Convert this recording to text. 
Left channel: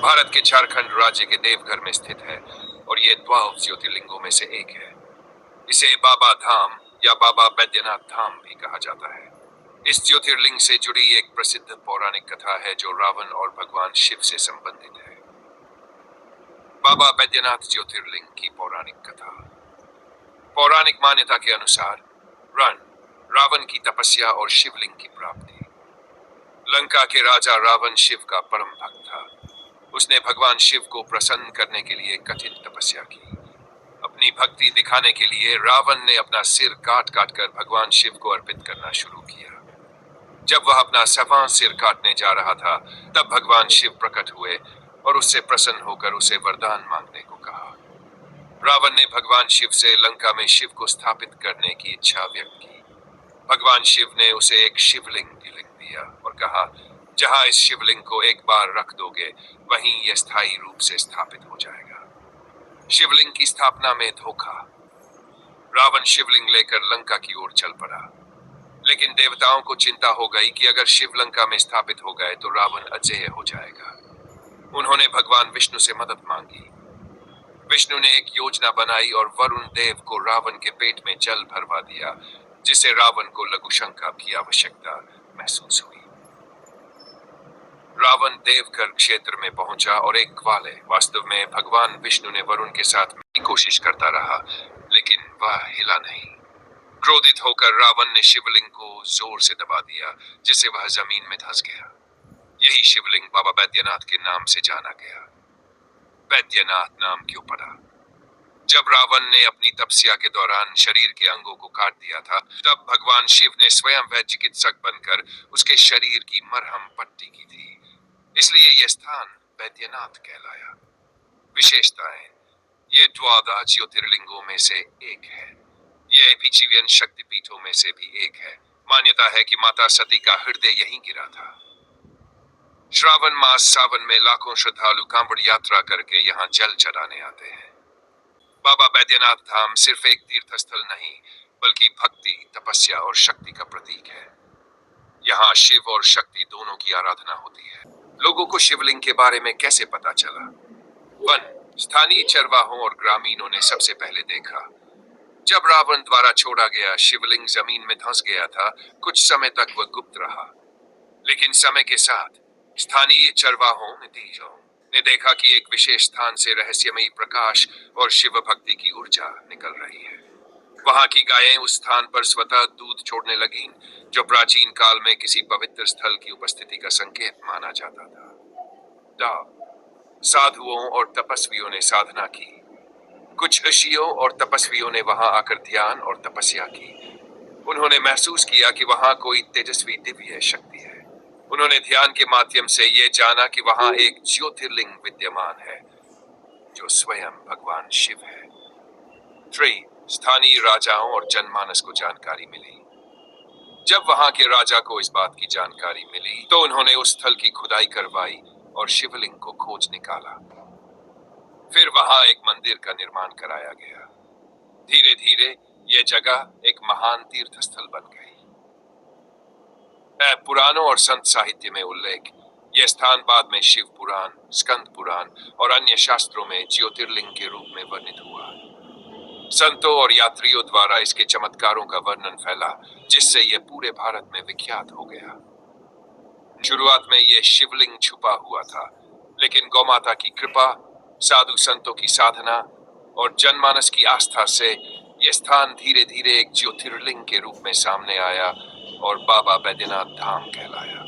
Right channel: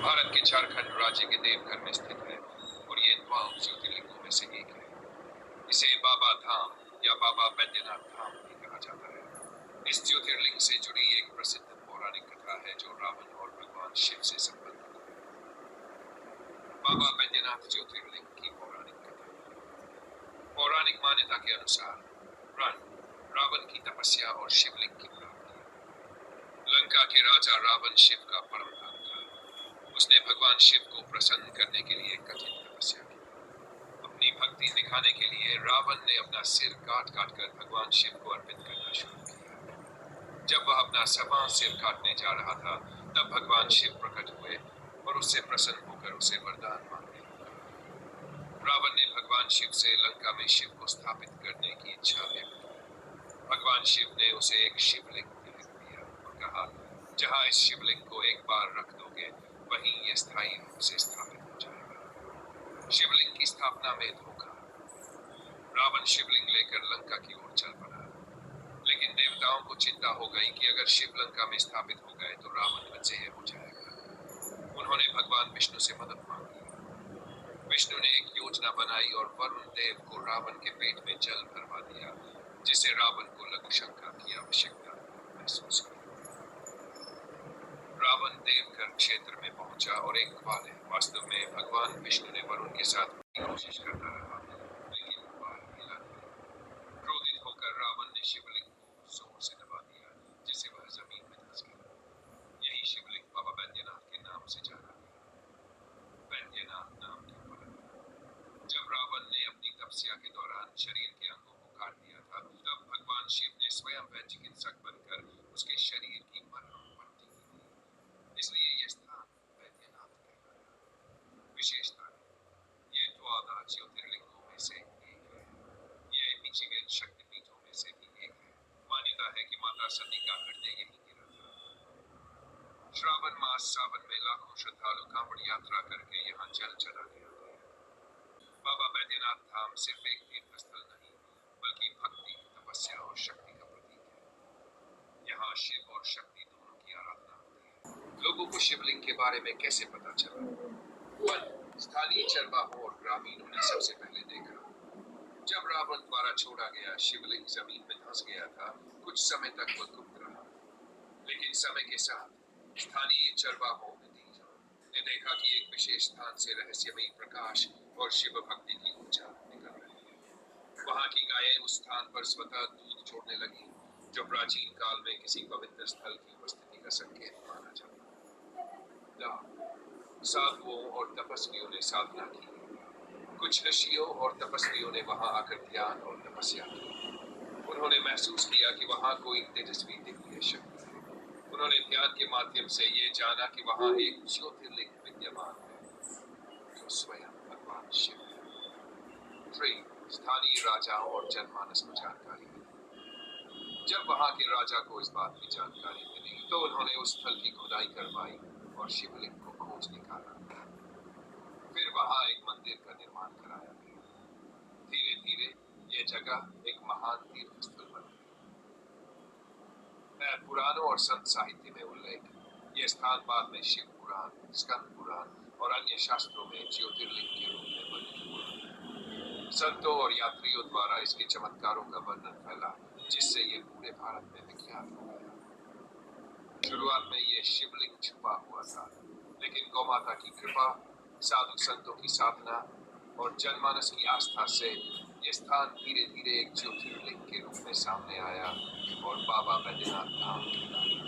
भारत के झारखंड राज्य के देवघर में स्थित है और ये 12 ज्योतिर्लिंगों में से एक है। इसे बाबा धाम या बाबा बैद्यनाथ धाम भी कहा जाता है। इस ज्योतिर्लिंग से जुड़ी एक प्रसिद्ध पौराणिक कथा है जो रावण और भगवान शिव से संबंधित है। बाबा बैद्यनाथ ज्योतिर्लिंग की पौराणिक कथा। पौराणिक मान्यता के अनुसार रण रावण की तपस्या और शिवलिंग की प्राप्ति। लंका के राजा रावण शिव का परम भक्त था। उसने भगवान शिव को प्रसन्न करने के लिए कठिन तपस्या की। अपनी भक्ति दिखाने के लिए रावण ने अपना सिर काट काट कर भगवान शिव को अर्पित करना शुरू किया। जब वह अपना 7वां सिर काटने जा रहा था, तब भगवान शिव प्रकट हुए और उससे प्रसन्न होकर उसे वरदान मांगने को कहा। रावण ने भगवान शिव से लंका में शिव को स्थापित करने की इच्छा व्यक्त की। भगवान शिव ने उसे एक शिवलिंग लिख दिया और कहा, जहां इस शिवलिंग को एक बार रख दोगे, वहीं यह स्थायी रूप से स्थापित हो जाएगा। शिवलिंग की स्थापना में धोखा। रावण शिवलिंग लेकर लंका की ओर चल पड़ा, लेकिन देवताओं को चिंता हो गई कि अगर शिव लंका में स्थापित हो गए तो रावण अजेय हो जाएगा। उन्होंने भगवान विष्णु से मदद मांगी। विष्णु ने एक योजना बनाई और वरुण देव को रावण के पेट में जल भरवा दिया, जिससे रावण को लघुशंका की आवश्यकता महसूस हुई। रावण देवघर क्षेत्र में पहुंचा और एक ग्वाले, वास्तव में भगवान विष्णु ने वरुण के साथ की कोशिश करता रहा, लेकिन वह हिला नहीं। क्रोधित होकर रावण ने शिवलिंग को जोर से दबा दिया, जिससे वह जमीन में धंस गया। यही शिवलिंग बाबा बैद्यनाथ के नाम से जाना गया। बैद्यनाथ नाम क्यों पड़ा? जब रावण ने अपनी तपस्या के दौरान शरीर के अंगों को काट दिया था, तब भगवान शिव ने स्वयं वह चिकित्सक बनकर उसके शरीर की मरहम पट्टी की थी। इसलिए यह स्थान बैद्यनाथ कहलाया। विशेषताएं। ये 12 ज्योतिर्लिंगों में से एक है। यह पृथ्वी शक्तिपीठों में से भी एक है। मान्यता है कि माता सती का हृदय यहीं गिरा था। श्रावण मास सावन में लाखों श्रद्धालु कांवड़ यात्रा करके यहाँ जल चढ़ाने आते हैं। बाबा बैद्यनाथ धाम सिर्फ एक तीर्थ स्थल नहीं, बल्कि भक्ति, तपस्या और शक्ति का प्रतीक है। यहाँ शिव और शक्ति दोनों की आराधना होती है। लोगों को शिवलिंग के बारे में कैसे पता चला? 1. स्थानीय चरवाहों और ग्रामीणों ने सबसे पहले देखा। जब रावण द्वारा छोड़ा गया शिवलिंग जमीन में धंस गया था, कुछ समय तक वह गुप्त रहा। लेकिन समय के साथ स्थानीय चरवाहों ने देखा कि एक विशेष स्थान से रहस्यमयी प्रकाश और शिव भक्ति की ऊर्जा निकल रही है। वहां की गायें उस स्थान पर स्वतः दूध छोड़ने लगीं, जो प्राचीन काल में किसी पवित्र स्थल की उपस्थिति का संकेत माना जाता था। साधुओं और तपस्वियों ने साधना की। कुछ ऋषियों और तपस्वियों ने वहां आकर ध्यान और तपस्या की। उन्होंने महसूस किया कि वहां कोई तेजस्वी दिव्य शक्ति है। उन्होंने ध्यान के माध्यम से यह जाना कि वहां एक ज्योतिर्लिंग विद्यमान है, जो स्वयं भगवान शिव है। 3. स्थानीय राजाओं और जनमानस को जानकारी मिली। जब वहां के राजा को इस बात की जानकारी मिली, तो उन्होंने उस स्थल की खुदाई करवाई और शिवलिंग को खोज निकाला। फिर वहां एक मंदिर का निर्माण कराया गया। धीरे धीरे यह जगह एक महान तीर्थ स्थल बन गई। पुराणों और संत साहित्य में उल्लेख। यह स्थान बाद में शिव पुराण, स्कंद पुराण और अन्य शास्त्रों में ज्योतिर्लिंग के रूप में वर्णित हुआ। संतों और यात्रियों द्वारा इसके चमत्कारों का वर्णन फैला, जिससे यह पूरे भारत में विख्यात हो गया। शुरुआत में यह शिवलिंग छुपा हुआ था, लेकिन गौमाता की कृपा, साधु संतों की साधना और जनमानस की आस्था से यह स्थान धीरे धीरे एक ज्योतिर्लिंग के रूप में सामने आया और बाबा बैद्यनाथ धाम कहलाया।